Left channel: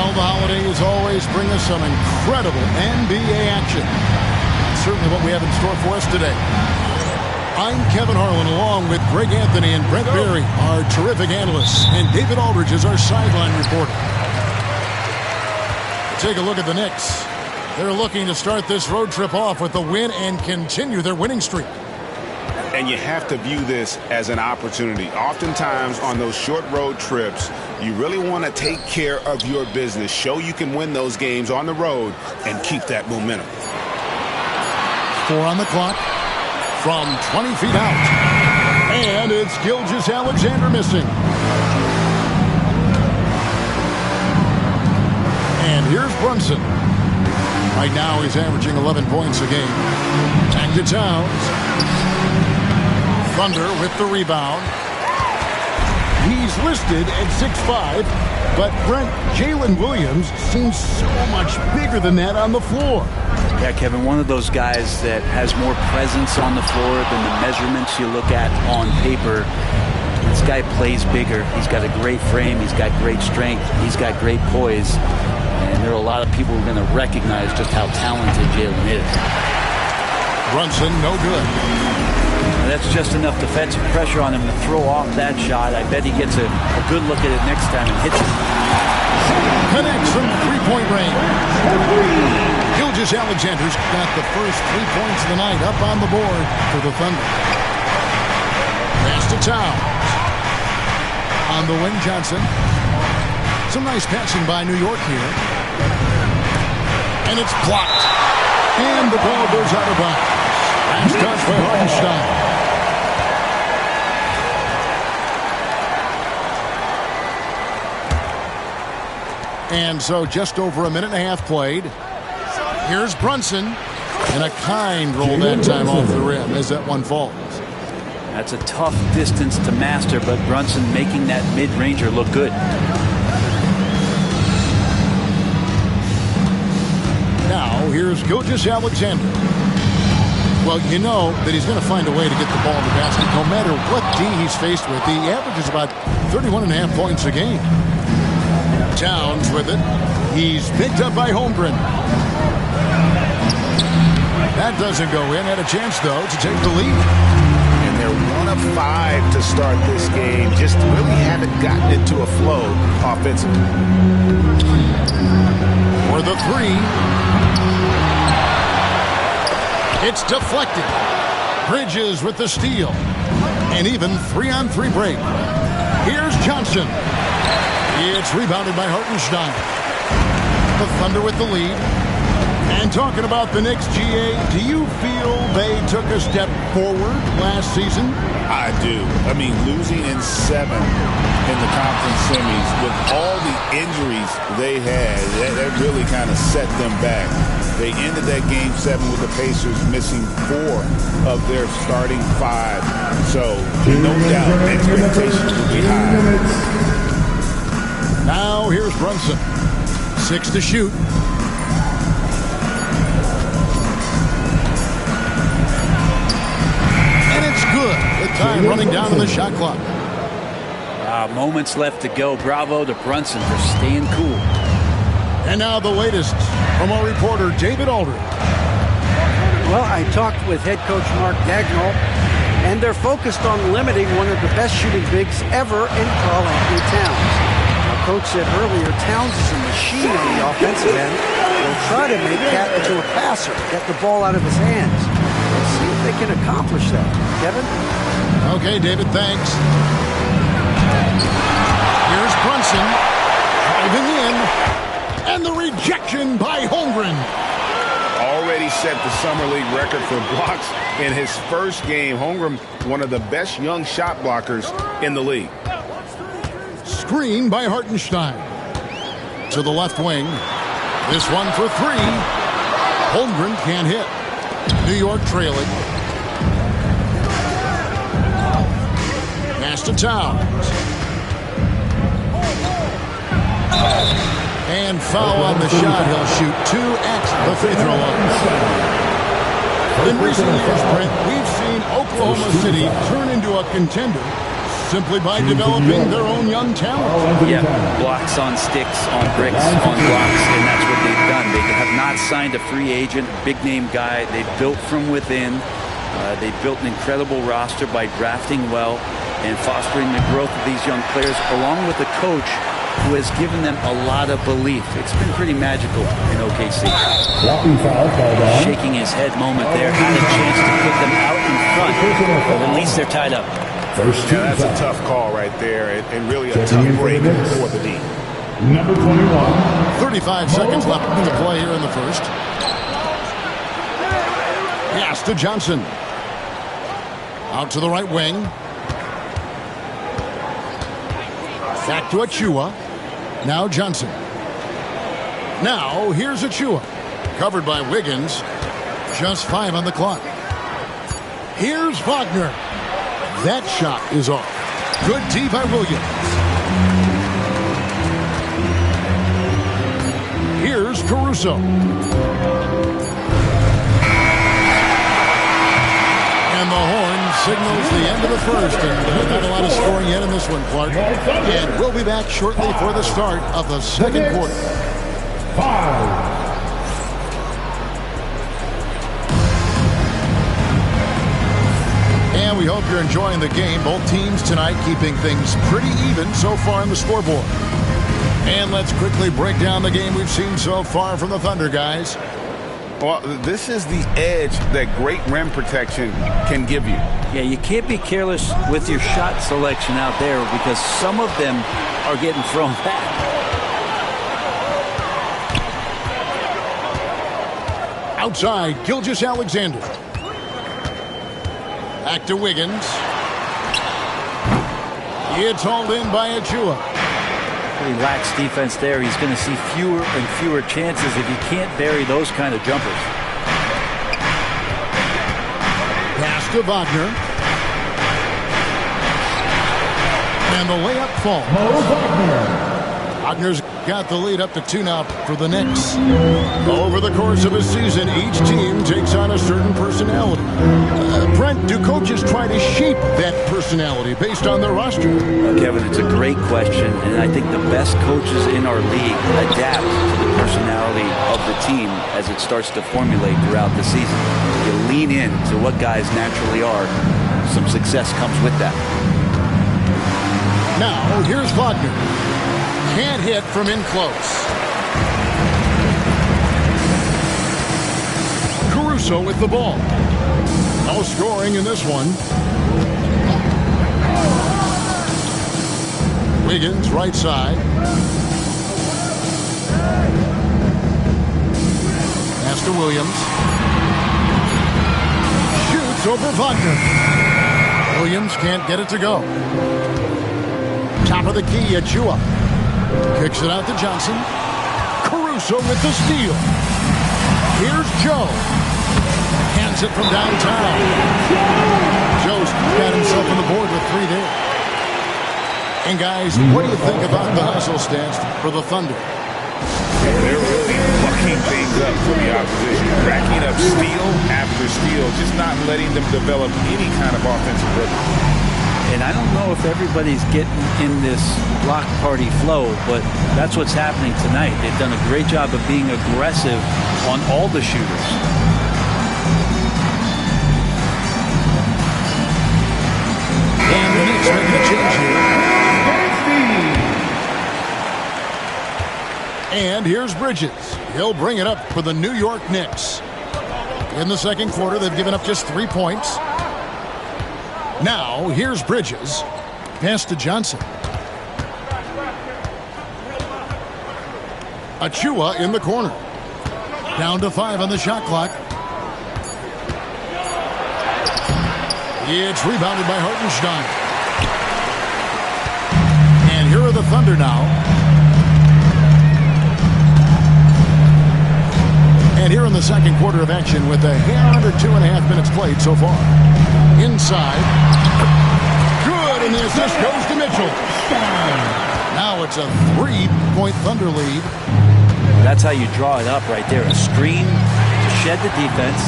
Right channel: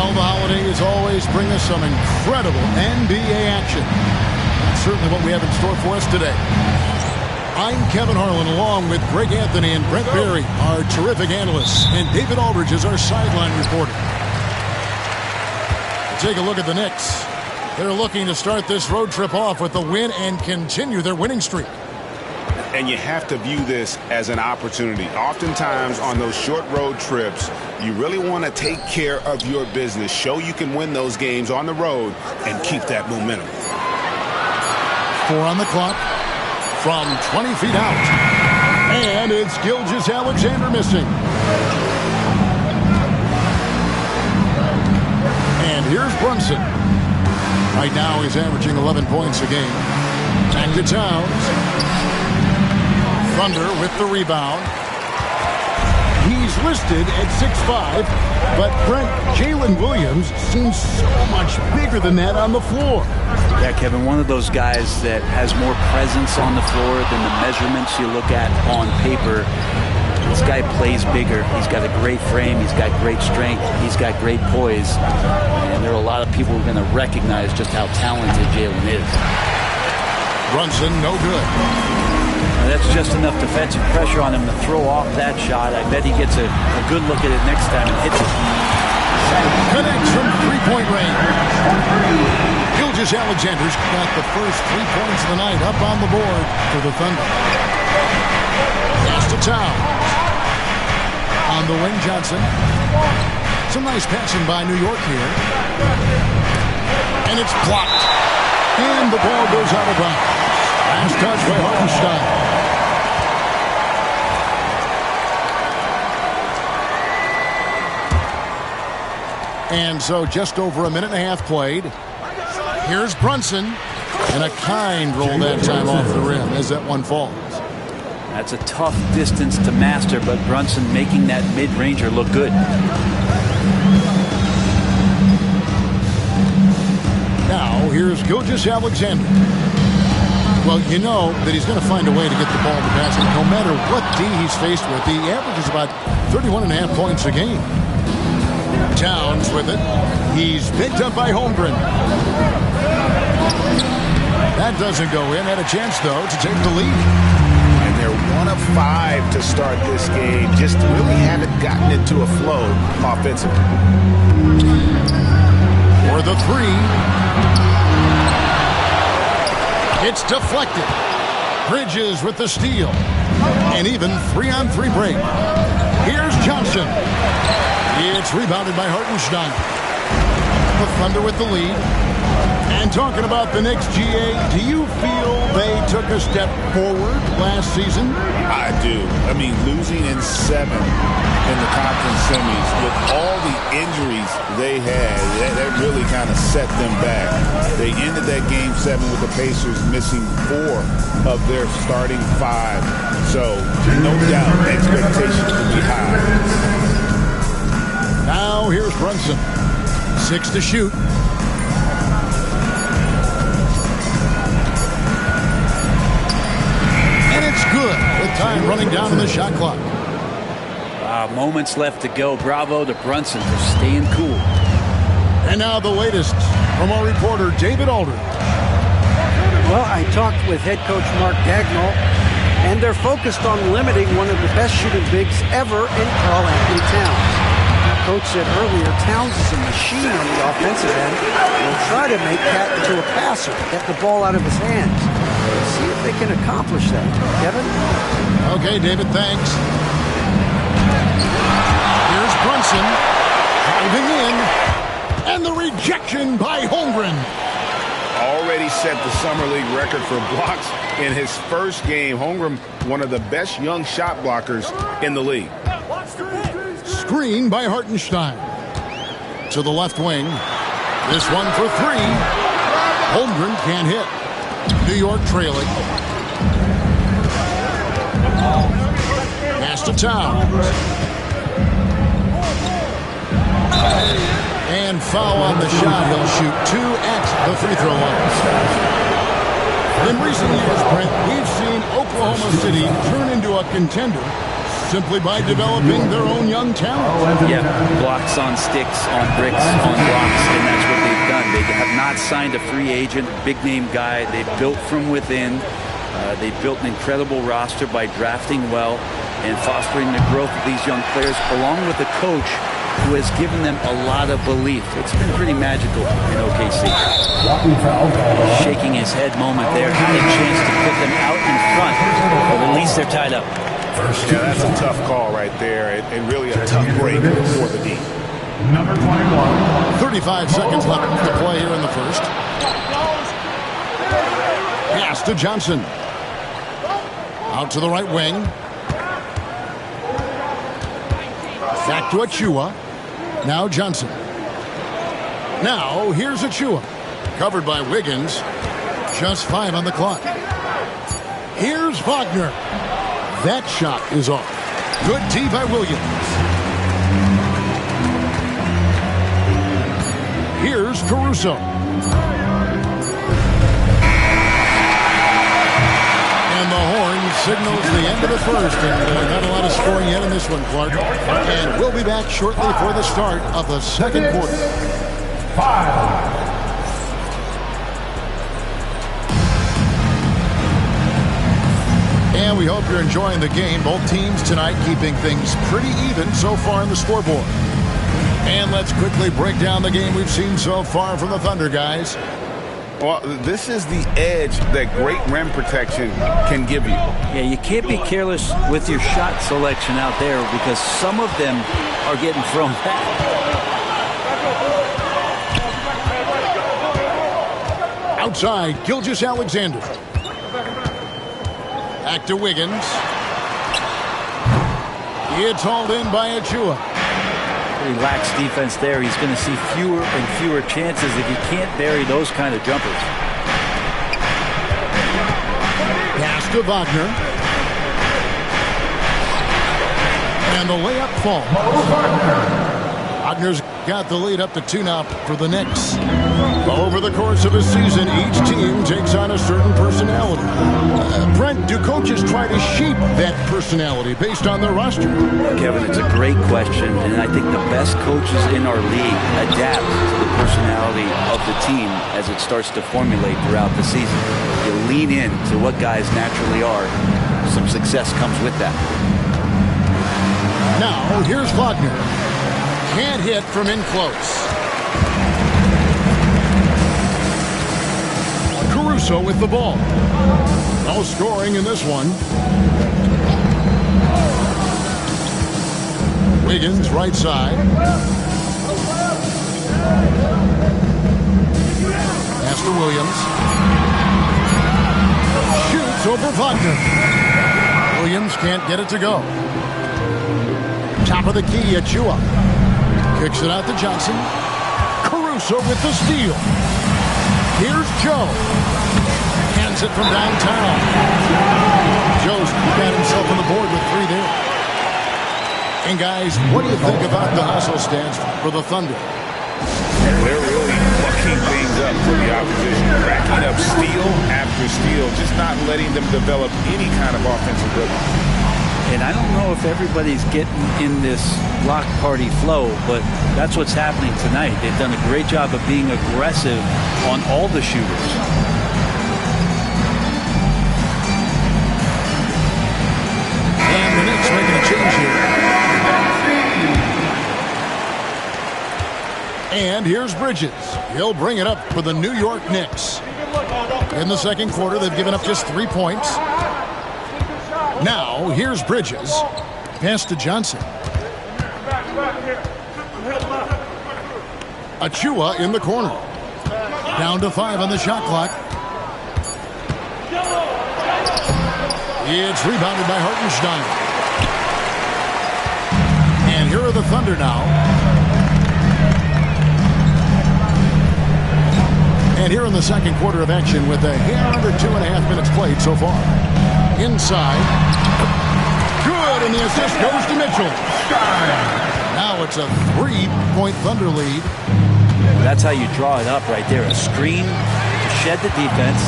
Well, the holidays always bring us some incredible NBA action. That's certainly what we have in store for us today. I'm Kevin Harlan, along with Greg Anthony and Brent Berry, our terrific analysts, and David Aldridge is our sideline reporter. Take a look at the Knicks. They're looking to start this road trip off with a win and continue their winning streak. And you have to view this as an opportunity. Oftentimes on those short road trips, you really want to take care of your business, show you can win those games on the road, and keep that momentum. 4 on the clock from 20 feet out. And it's Gilgeous-Alexander missing. And here's Brunson. Right now he's averaging 11 points a game. Back to Towns. Thunder with the rebound. He's listed at 6'5", but Brent, Jalen Williams seems so much bigger than that on the floor. Yeah, Kevin, one of those guys that has more presence on the floor than the measurements you look at on paper. This guy plays bigger. He's got a great frame. He's got great strength. He's got great poise. And there are a lot of people who are going to recognize just how talented Jalen is. Brunson, no good. Now that's just enough defensive pressure on him to throw off that shot. I bet he gets a good look at it next time and hits it. Connects from three-point range. Gilgeous-Alexander's got the first 3 points of the night up on the board for the Thunder. Pass to Towns. On the wing, Johnson. Some nice passing by New York here. And it's blocked. And the ball goes out of bounds. Last touch by Hartenstein. And so just over a minute and a half played. Here's Brunson. And a kind roll that time off the rim as that one falls. That's a tough distance to master, but Brunson making that mid-ranger look good. Now, here's Gilgeous-Alexander. Well, you know that he's going to find a way to get the ball in the basket no matter what D he's faced with. He averages about 31.5 points a game. Towns with it. He's picked up by Holmgren. That doesn't go in. Had a chance, though, to take the lead. And they're 1 of 5 to start this game. Just really haven't gotten into a flow offensively. For the three. It's deflected. Bridges with the steal. And even 3-on-3 break. Here's Johnson. It's rebounded by Hartenstein. The Thunder with the lead. And talking about the Knicks, GA, do you feel they took a step forward last season? I do. I mean, losing in 7 in the conference semis with all the injuries they had, that really kind of set them back. They ended that game 7 with the Pacers missing 4 of their starting 5. So, no doubt, expectations will be high. Now, here's Brunson. 6 to shoot. And it's good with time running down on the shot clock. Moments left to go. Bravo to Brunson for staying cool. And now the latest from our reporter, David Aldridge. Well, I talked with head coach Mark Dagnall, and they're focused on limiting one of the best shooting bigs ever in Karl Anthony Towns. Now, coach said earlier, Towns is a machine on the offensive end. They'll try to make Cat into a passer, get the ball out of his hands. Let's see if they can accomplish that. Kevin? Okay, David, thanks. Here's Brunson driving in, and the rejection by Holmgren. Already set the Summer League record for blocks in his first game. Holmgren, one of the best young shot blockers in the league. Screen by Hartenstein. To the left wing. This one for 3. Holmgren can't hit. New York trailing. Pass to Towns. And foul on the shot. He'll shoot 2 at the free throw line. In recent years, Brent, we've seen Oklahoma City turn into a contender simply by developing their own young talent. Yeah, blocks on sticks, on bricks, on blocks, and that's what they've done. They have not signed a free agent, big-name guy. They've built from within. They built an incredible roster by drafting well and fostering the growth of these young players, along with a coach who has given them a lot of belief. It's been pretty magical in OKC. Shaking his head moment there. Had a chance to put them out in front, but at least they're tied up. Yeah, that's a tough call right there, and really a tough break for the D. Number 21. 35 seconds left to play here in the first. Pass to Johnson. Out to the right wing. Back to Achua. Now Johnson. Now here's Achua. Covered by Wiggins. Just 5 on the clock. Here's Wagner. That shot is off. Good D by Williams. Here's Caruso. And the horn signals the end of the first, and not a lot of scoring yet in this one, Clark. And we'll be back shortly for the start of the second quarter. 5. And we hope you're enjoying the game. Both teams tonight keeping things pretty even so far on the scoreboard. And let's quickly break down the game we've seen so far from the Thunder, guys. Well, this is the edge that great rim protection can give you. Yeah, you can't be careless with your shot selection out there because some of them are getting thrown back. Outside, Gilgeous-Alexander. Back to Wiggins. It's hauled in by Achua. Pretty lax defense there. He's going to see fewer and fewer chances if he can't bury those kind of jumpers. Pass to Wagner. And the layup falls. Wagner's got the lead up to 2 now for the Knicks. Over the course of a season, each team takes on a certain personality. Brent, do coaches try to shape that personality based on their roster? Kevin, it's a great question, and I think the best coaches in our league adapt to the personality of the team as it starts to formulate throughout the season. You lean in to what guys naturally are. Some success comes with that. Now, here's Wagner. Can't hit from in close. Caruso with the ball. No scoring in this one. Wiggins, right side. Pass to Williams. Shoots over Wagner. Williams can't get it to go. Top of the key, Achua. Kicks it out to Johnson. Caruso with the steal. Here's Joe. Hands it from downtown. Joe's got himself on the board with 3 there. And guys, what do you think about the hustle stance for the Thunder? They're really bucking things up for the opposition. Racking up steal after steal. Just not letting them develop any kind of offensive rhythm. And I don't know if everybody's getting in this block party flow, but that's what's happening tonight. They've done a great job of being aggressive on all the shooters. And the Knicks making a change here. And here's Bridges. He'll bring it up for the New York Knicks. In the second quarter, they've given up just 3 points. Now, here's Bridges. Pass to Johnson. Achua in the corner. Down to 5 on the shot clock. It's rebounded by Hartenstein. And here are the Thunder now. And here in the second quarter of action with a hair under 2.5 minutes played so far. Inside. Good, and the assist goes to Mitchell. Now it's a 3-point Thunder lead. That's how you draw it up right there. A screen to shed the defense,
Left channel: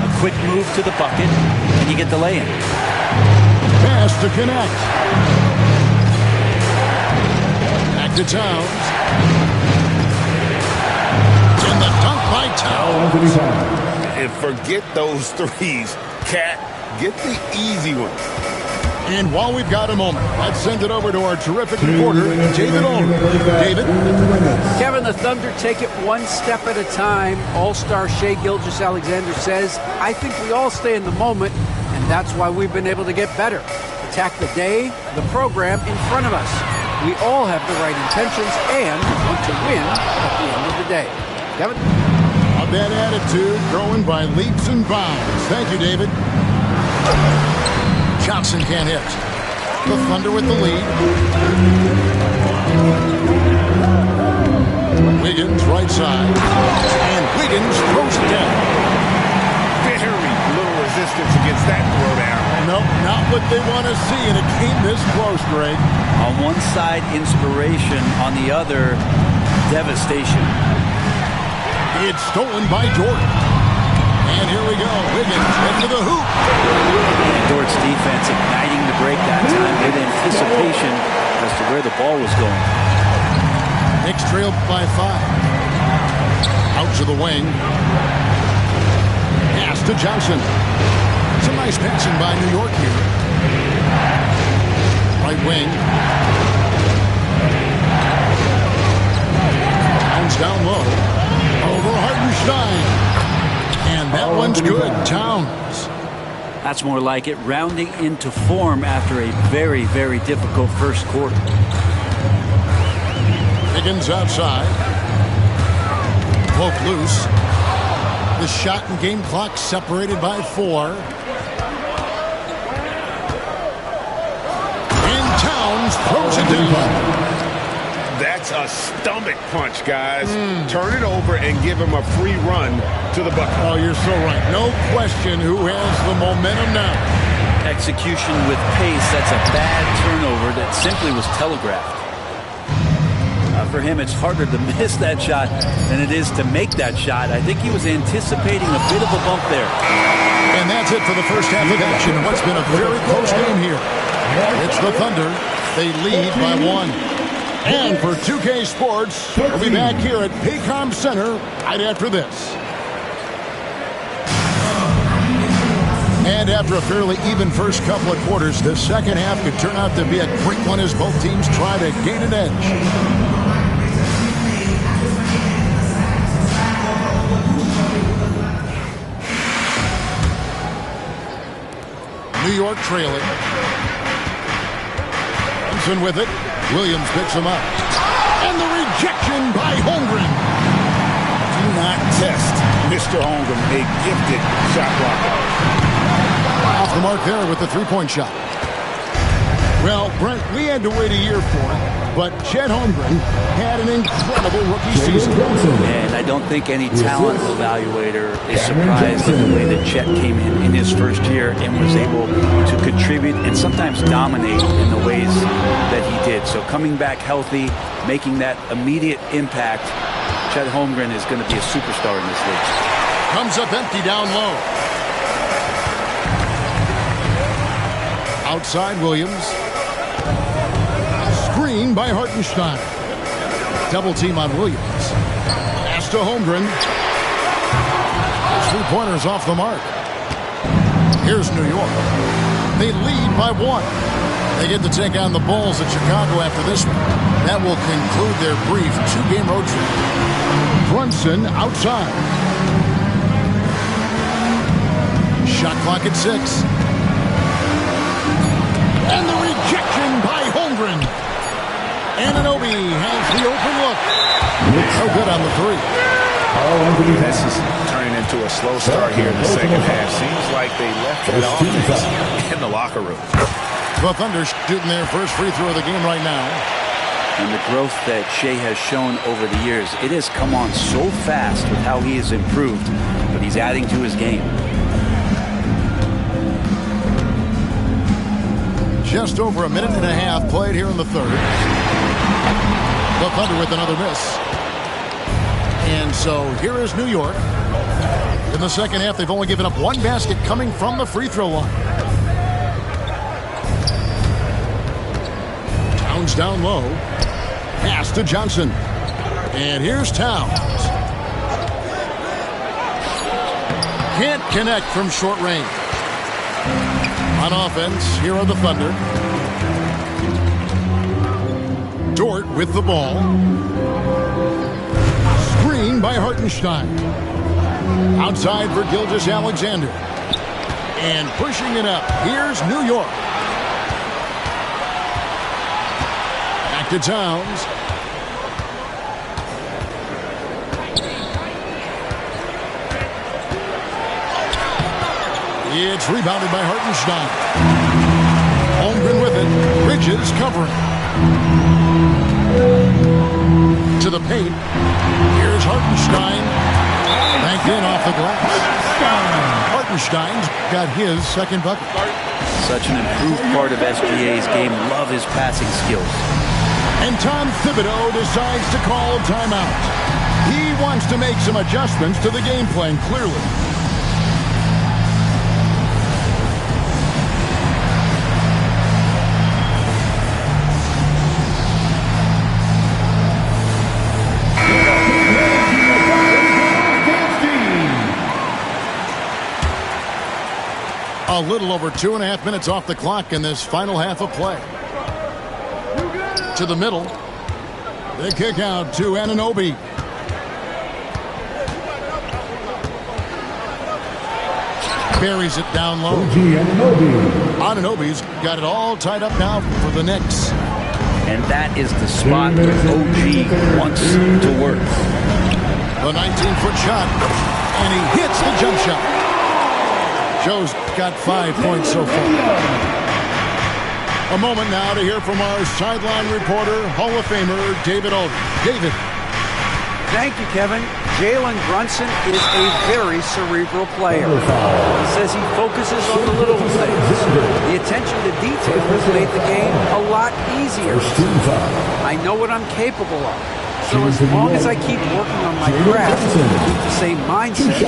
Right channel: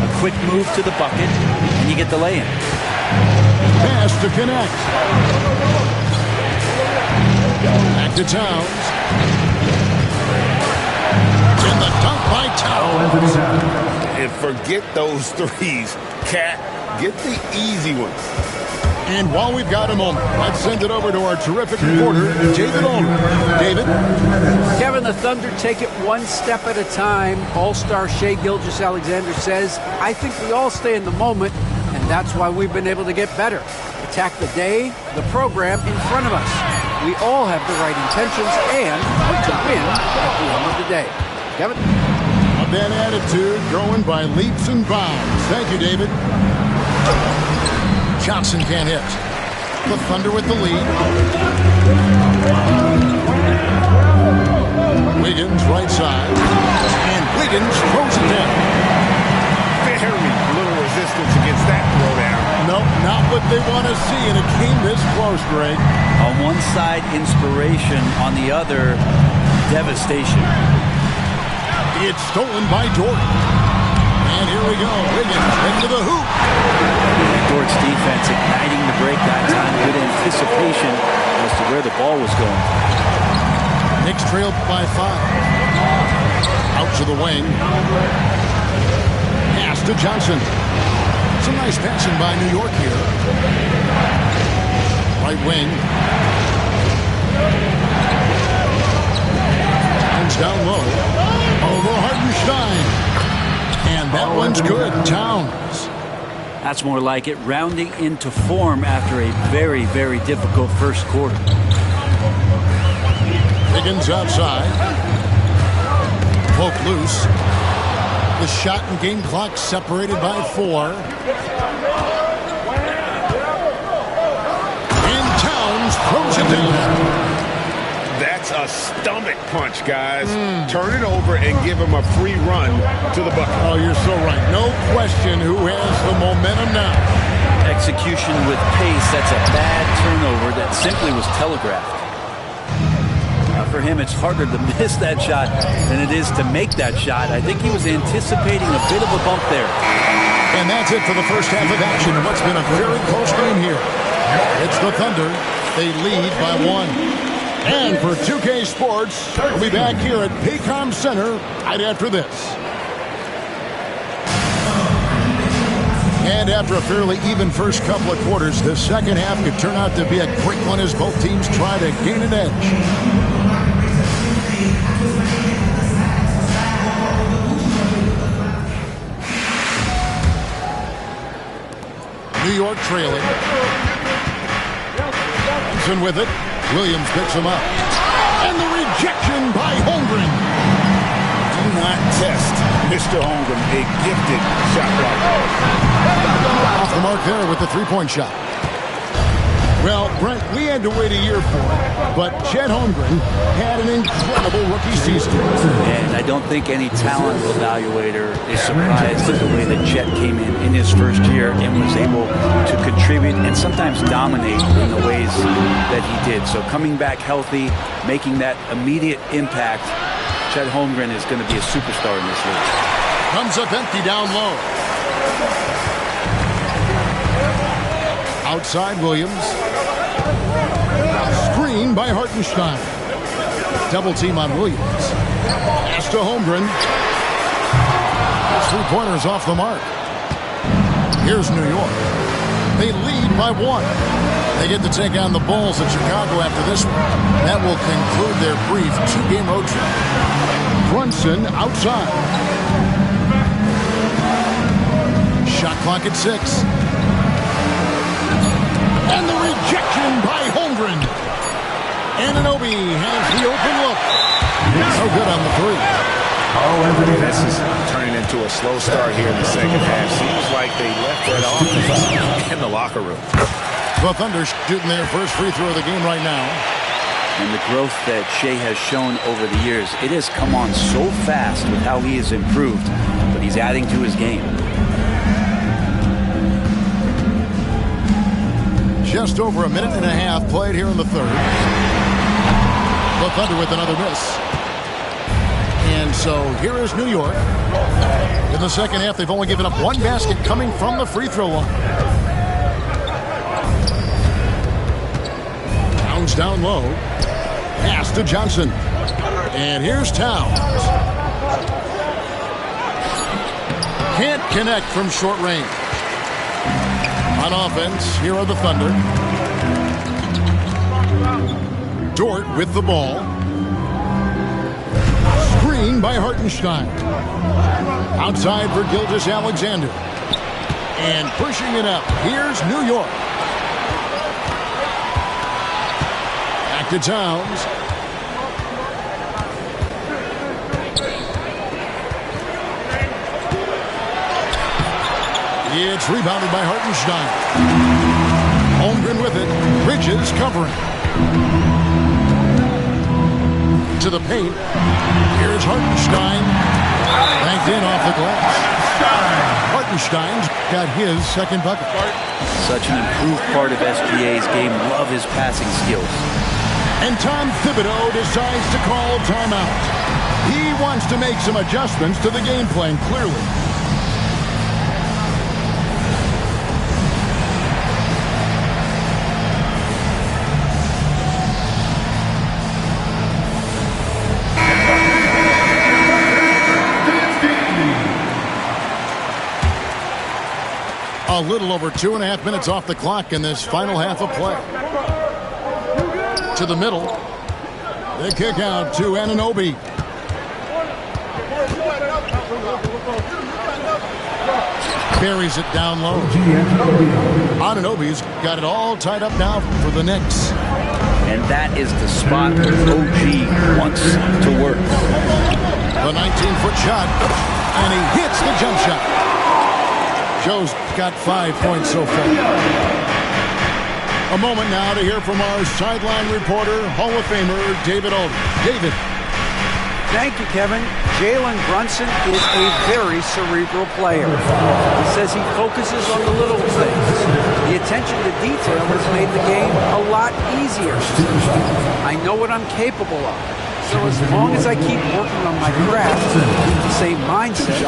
a quick move to the bucket, and you get the lay-in. Pass to connect. to Towns. And the dunk by Towns. And forget those threes. Cat, get the easy ones. And while we've got a moment, let's send it over to our terrific reporter, David Ulrich. David? Kevin, the Thunder take it one step at a time. All-star Shai Gilgeous-Alexander says, I think we all stay in the moment, and that's why we've been able to get better. Attack the day, the program in front of us. We all have the right intentions and want to win at the end of the day. Kevin? A bad attitude growing by leaps and bounds. Thank you, David. Johnson can't hit. The Thunder with the lead. Wiggins right side. And Wiggins throws it down. Very little resistance against that throwdown. Nope, not what they want to see, and it came this close, Greg. On one side, inspiration. On the other, devastation. It's stolen by Dort. And here we go. Wiggins into the hoop. And Dort's defense igniting the break that time with anticipation as to where the ball was going. Knicks trailed by 5. Out to the wing. Pass to Johnson. Some nice passing by New York here. Right wing. Towns down low. Over Hartenstein. And that one's good. Towns. That's more like it, rounding into form after a very, very difficult first quarter. Wiggins outside. Poke loose. The shot and game clock separated by 4. And Towns throws it down. That's a stomach punch, guys. Turn it over and give him a free run to the bucket. Oh, you're so right. No question who has the momentum now. Execution with pace, that's a bad turnover that simply was telegraphed. For him, it's harder to miss that shot than it is to make that shot. I think he was anticipating a bit of a bump there. And that's it for the first half of action in what's been a very close game here. It's the Thunder. They lead by 1. And for 2K Sports, we'll be back here at Paycom Center right after this. And after a fairly even first couple of quarters, the second half could turn out to be a great one as both teams try to gain an edge. New York trailing. Johnson with it. Williams picks him up. And the rejection by Holmgren. Do not test Mr. Holmgren, a gifted shot blocker. Off the mark there with the three-point shot. Well, Brent, we had to wait a year for it, but Chet Holmgren had an incredible rookie season. And I don't think any talent evaluator is surprised at the way that Chet came in his first year and was able to contribute and sometimes dominate in the ways that he did. So coming back healthy, making that immediate impact, Chet Holmgren is going to be a superstar in this league. Comes up empty down low. Outside Williams. Screen by Hartenstein. Double team on Williams. Pass to Holmgren. His three-pointers off the mark. Here's New York. They lead by 1. They get to take on the Bulls at Chicago after this one. That will conclude their brief 2-game road trip. Brunson outside. Shot clock at 6. And the rejection by Holmgren. Anunoby has the open look. No good on the 3. This is turning into a slow start here in the second half. Seems like they left that offense in the locker room. The Thunder shooting their first free throw of the game right now. And the growth that Shai has shown over the years, it has come on so fast with how he has improved, but he's adding to his game. Just over a minute and a half played here in the third. The Thunder with another miss. And so here is New York. In the second half, they've only given up 1 basket coming from the free throw line. Towns down low. Pass to Johnson. And here's Towns. Can't connect from short range. On offense, here are the Thunder. Dort with the ball. Screen by Hartenstein. Outside for Gilgeous-Alexander. And pushing it up. Here's New York. Back to Towns. It's rebounded by Hartenstein. Holmgren with it. Bridges covering. To the paint. Here's Hartenstein. Banked in off the glass. Hartenstein's got his second bucket. Such an improved part of SGA's game. Love his passing skills. And Tom Thibodeau decides to call a timeout. He wants to make some adjustments to the game plan, clearly. A little over 2.5 minutes off the clock in this final half of play. To the middle. The kick out to Anunoby. Buries it down low. Anunoby's got it all tied up now for the Knicks. And that is the spot where OG wants to work. The 19-foot shot. And he hits the jump shot. Joe's got 5 points so far. A moment now to hear from our sideline reporter, Hall of Famer David Aldridge. David. Thank you, Kevin. Jalen Brunson is a very cerebral player. He says he focuses on the little things. The attention to detail has made the game a lot easier. I know what I'm capable of. So as long as I keep working on my craft, keep the same mindset,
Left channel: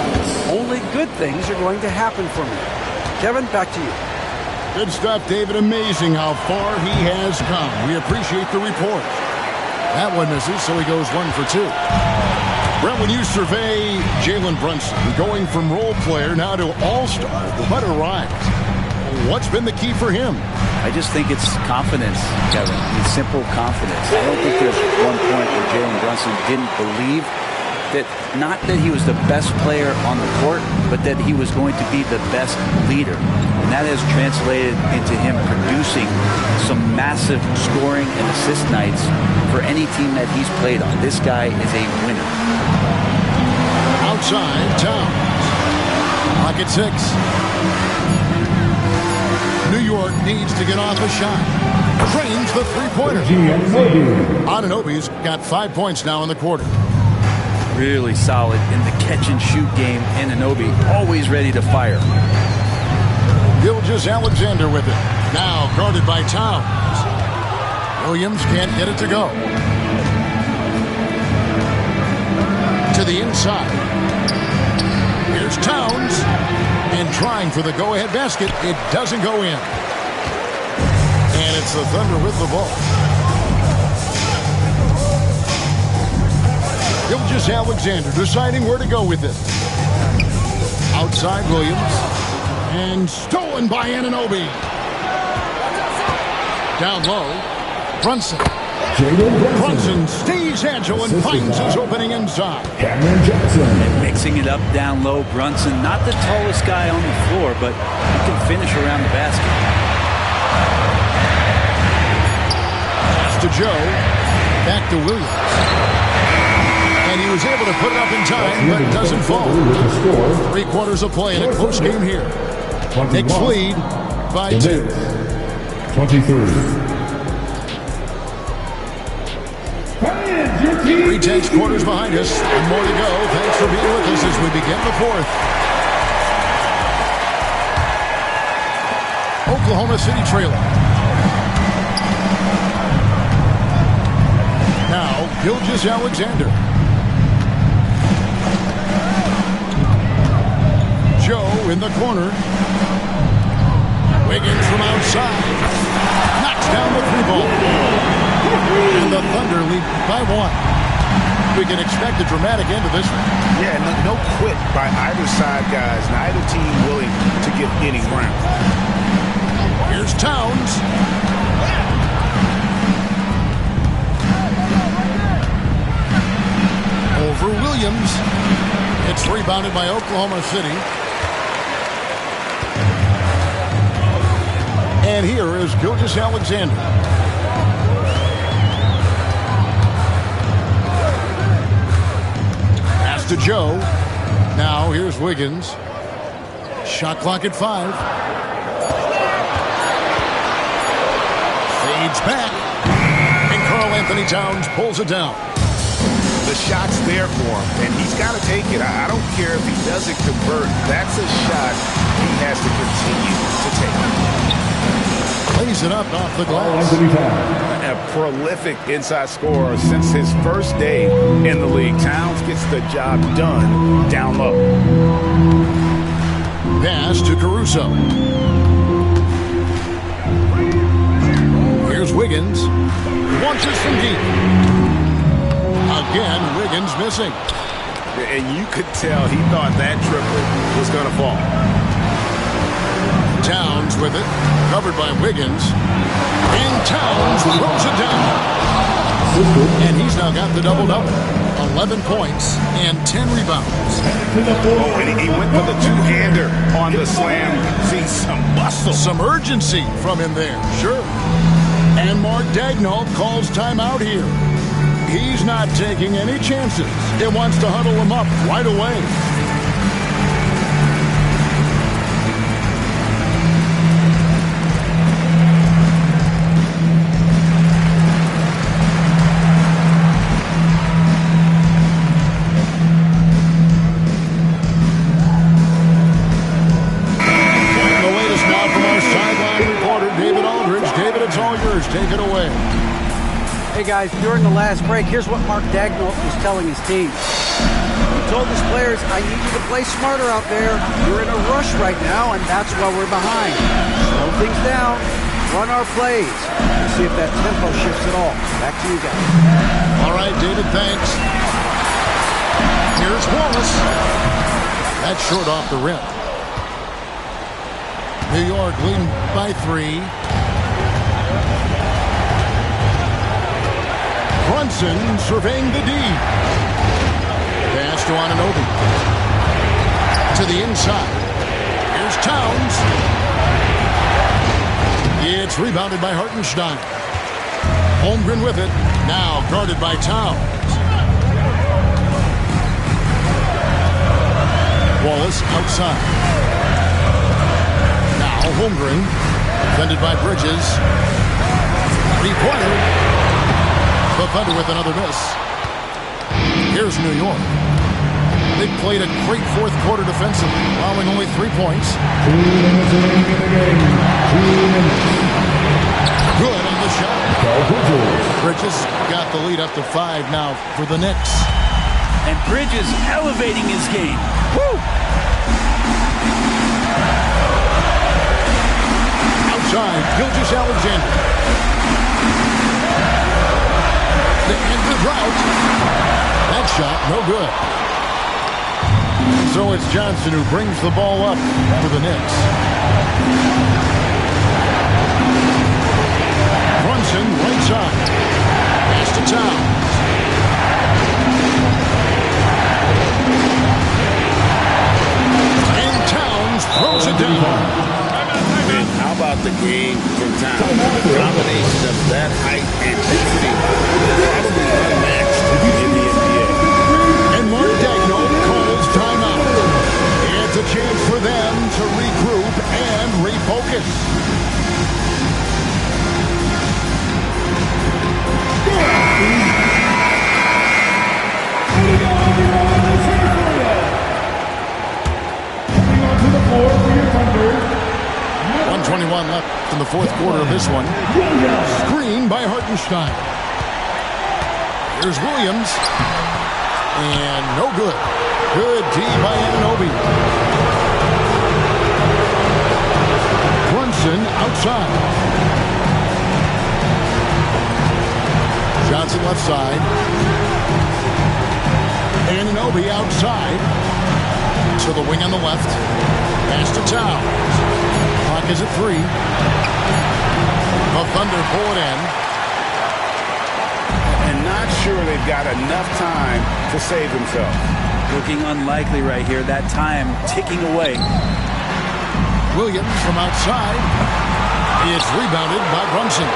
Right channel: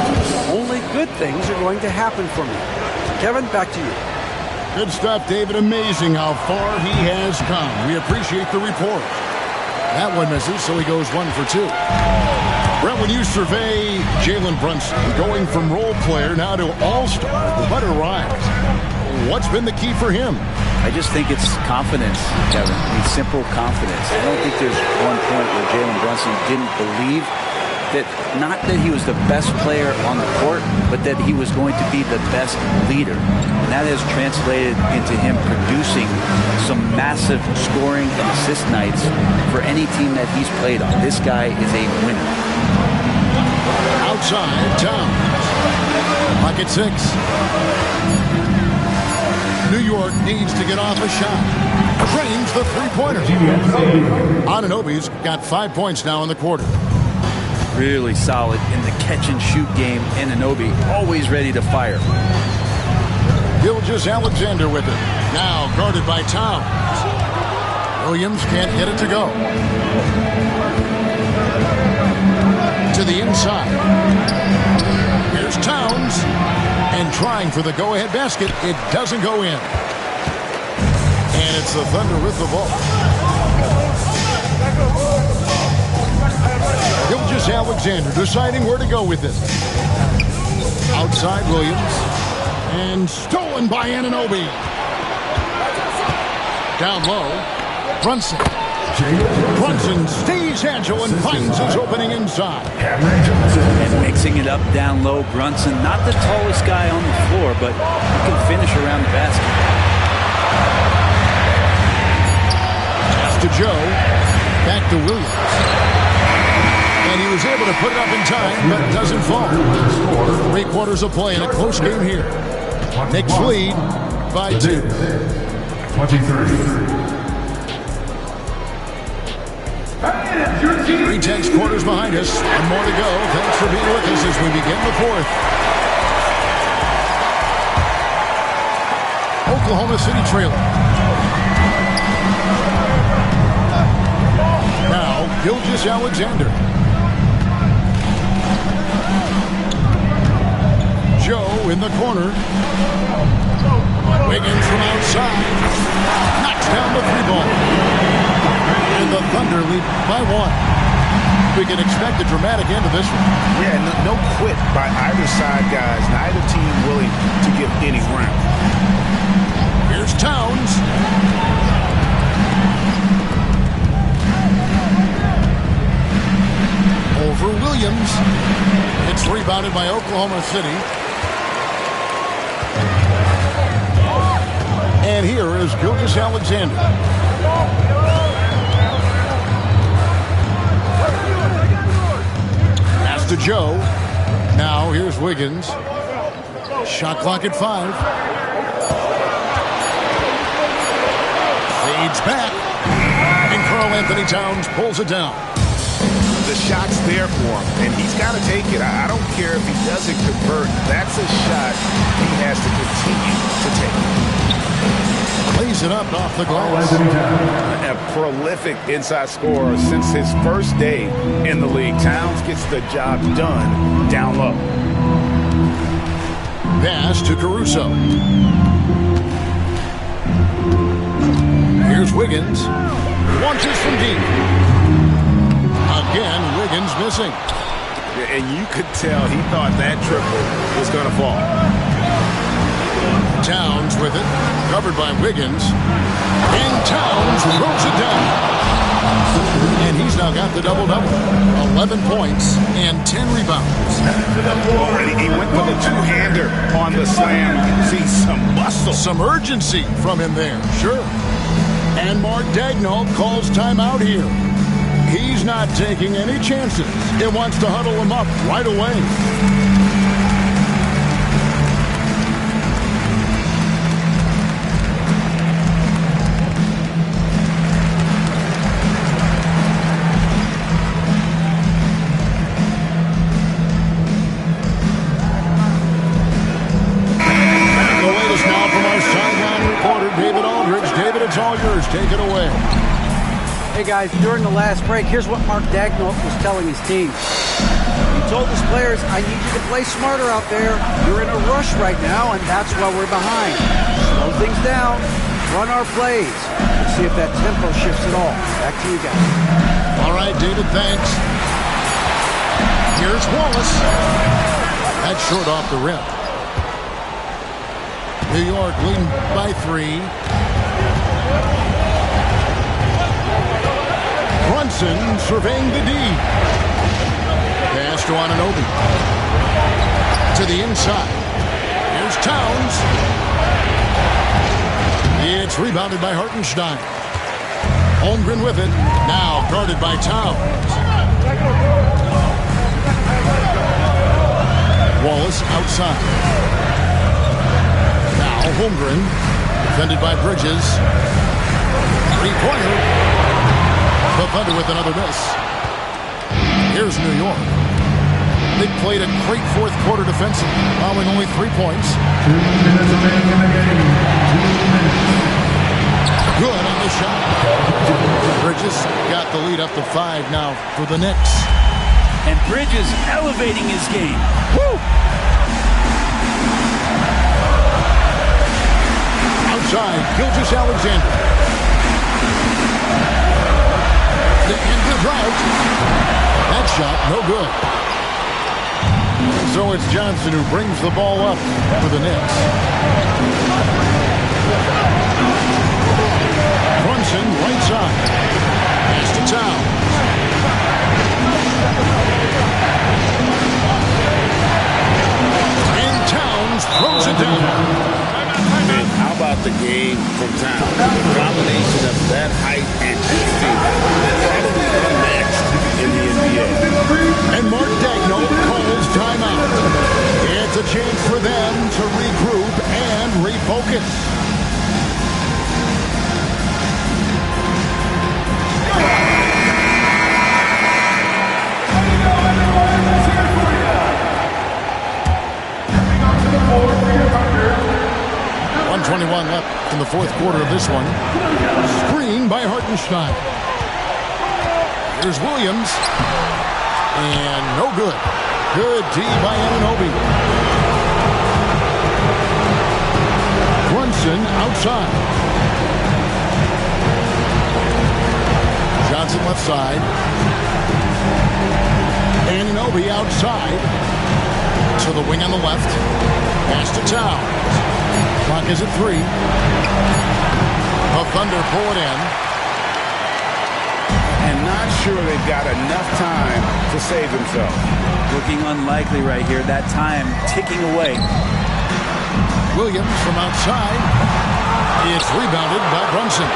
only good things are going to happen for me. Kevin, back to you. Good stuff, David. Amazing how far he has come. We appreciate the report. That one misses, so he goes 1 for 2. Brett, when you survey Jalen Brunson, going from role player now to all-star, the butter rise. What's been the key for him? I just think it's confidence, Kevin. I mean, simple confidence. I don't think there's one point where Jalen Brunson didn't believe that, not that he was the best player on the court, but that he was going to be the best leader. And that has translated into him producing some massive scoring and assist nights for any team that he's played on. This guy is a winner. Outside, Towns. Pocket 6. New York needs to get off a shot. Drains the three-pointer. Anunoby's got 5 points now in the quarter. Really solid in the catch-and-shoot game. Anunoby always ready to fire. Gilgeous-Alexander with it. Now guarded by Towns. Williams can't get it to go. To the inside. Here's Towns. And trying for the go-ahead basket. It doesn't go in. And it's the Thunder with the ball. Gilgeous-Alexander deciding where to go with it. Outside Williams. And stolen by Anunoby. Down low. Brunson. Brunson stays agile and finds his opening inside. And mixing it up down low, Brunson, not the tallest guy on the floor, but he can finish around the basket. Pass to Joe. Back to Williams. And he was able to put it up in time, but doesn't fall. 3 quarters of play in a close game here. Knicks lead by 2. 23. 3 quarters behind us. 1 more to go. Thanks for being with us as we begin the 4th. Oklahoma City trailing. Now, Gilgeous-Alexander. Joe in the corner. Wiggins from outside. Knocks down the 3 ball. And The Thunder lead by 1. We can expect a dramatic end to this one. Yeah, no quit by either side, guys. Neither team willing to give any ground. Here's Towns. Over Williams. It's rebounded by Oklahoma City. And here is Gilgeous-Alexander. Pass to Joe. Now here's Wiggins. Shot clock at 5. Fades back. And Karl-Anthony Towns pulls it down. The shot's there for him, and he's got to take it. I don't care if he doesn't convert. That's a shot he has to continue to take. Plays it up off the glass. A prolific inside scorer since his first day in the league. Towns gets the job done down low. Pass to Caruso. Here's Wiggins. Launches from deep. Again, Wiggins missing. And you could tell he thought that triple was going to fall. Towns with it. Covered by Wiggins. And Towns throws it down. And he's now got the double-double. 11 points and 10 rebounds. Oh, and he went for the two-hander on the slam. You see some muscle. Some urgency from him there, sure. And Mark Daigneault calls timeout here. He's not taking any chances. He wants to huddle him up right away. The latest now from our sideline reporter, David Aldridge. David, it's all yours. Take it away. Hey guys, during the last break, here's what Mark Daigneault was telling his team. He told his players, I need you to play smarter out there. You're in a rush right now, and that's why we're behind. Slow things down, run our plays, and see if that tempo shifts at all. Back to you guys. All right, David, thanks. Here's Wallace. That's short off the rim. New York leading by 3. Brunson surveying the D. Pass to Anunoby. To the inside. Here's Towns. It's rebounded by Hartenstein. Holmgren with it. Now guarded by Towns. Wallace outside. Now Holmgren. Defended by Bridges. 3-pointer. The Thunder with another miss. Here's New York. They played a great fourth quarter defensively, allowing only 3 points. 2 minutes remaining in the game. 2 minutes. Good on the shot. Bridges got the lead up to 5 now for the Knicks. And Bridges elevating his game. Woo! Outside, Gilgeous-Alexander. To end the drought. That shot, no good. So it's Johnson who brings the ball up for the Knicks. Brunson, right side. Pass to Towns. And Towns throws it down. And how about the game from Towns? The combination of that height and shooting, probably unmatched in the NBA. And Mark Daigneault calls timeout. It's a chance for them to regroup and refocus. There you go, everyone. Let's hear it for you. Coming onto the floor for your Thunder. 1:21 left in the fourth quarter of this one. Screen by Hartenstein. Here's Williams. And no good. Good D by Anunoby. Brunson outside. Johnson left side. Anunoby outside. To the wing on the left. Pass to Towns. Clock is at 3. The Thunder pull it in. And not sure they've got enough time to save themselves. Looking unlikely right here. That time ticking away. Williams from outside. It's rebounded by Brunson.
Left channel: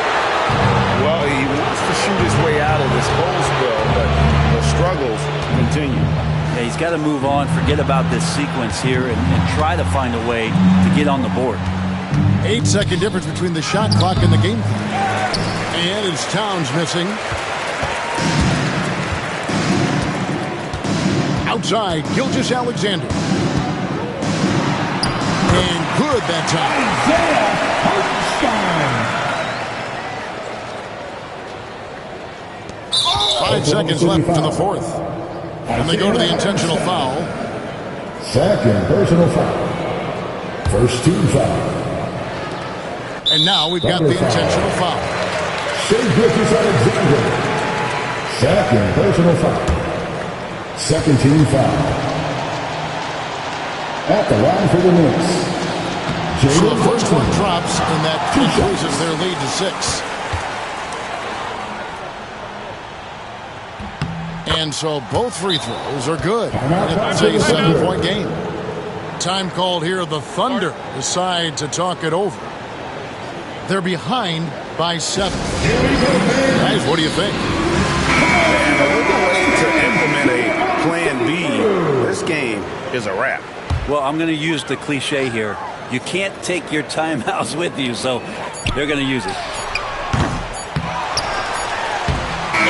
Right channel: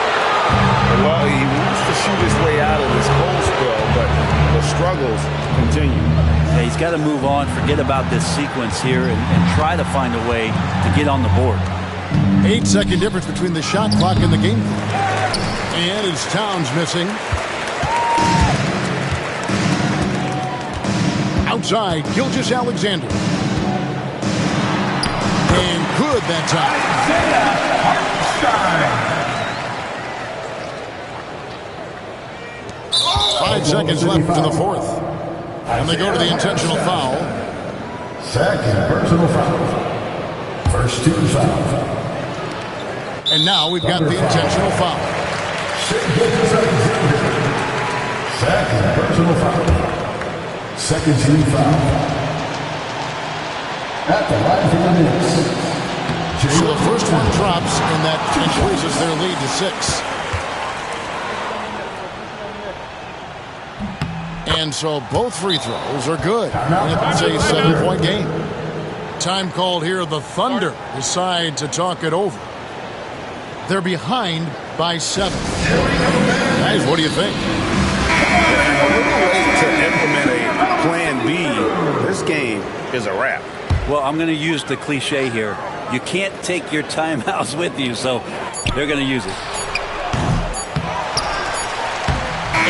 Well, he wants to shoot his way out of this cold spell, but the struggles continue. Yeah, he's got to move on, forget about this sequence here, and try to find a way to get on the board. 8-second difference between the shot clock and the game clock. And it's Towns missing. Outside, Gilgeous Alexander. And good that time. Isaiah Hartenstein. 5 seconds left in the fourth. And they go to the intentional foul. Second personal foul. First team foul. And now we've got the intentional foul. Gilgeous Alexander. Second personal foul. Second team foul. At the line for the Knicks. So the first one drops, and that increases their lead to 6. And so both free throws are good. And it's a 7-point game. Time called here. The Thunder decide to talk it over. They're behind by 7. Guys, what do you think? And a little late to implement a plan B. This game is a wrap. Well, I'm going to use the cliche here. You can't take your timeouts with you, so they're going to use it.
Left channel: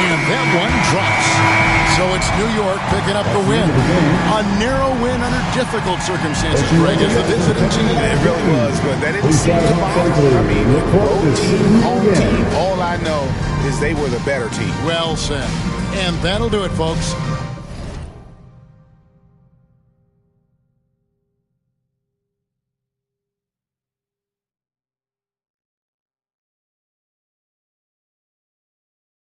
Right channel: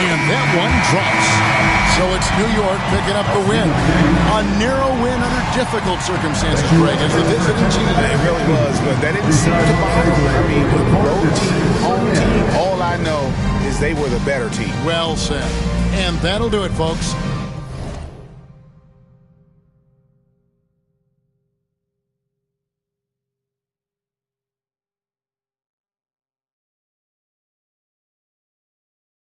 And that one drops. So it's New York picking up the win. A narrow win under difficult circumstances, Greg, as the visiting team. It really was, but that didn't seem to bother them. I mean, road team, home team, all I know is they were the better team. Well said. And that'll do it, folks.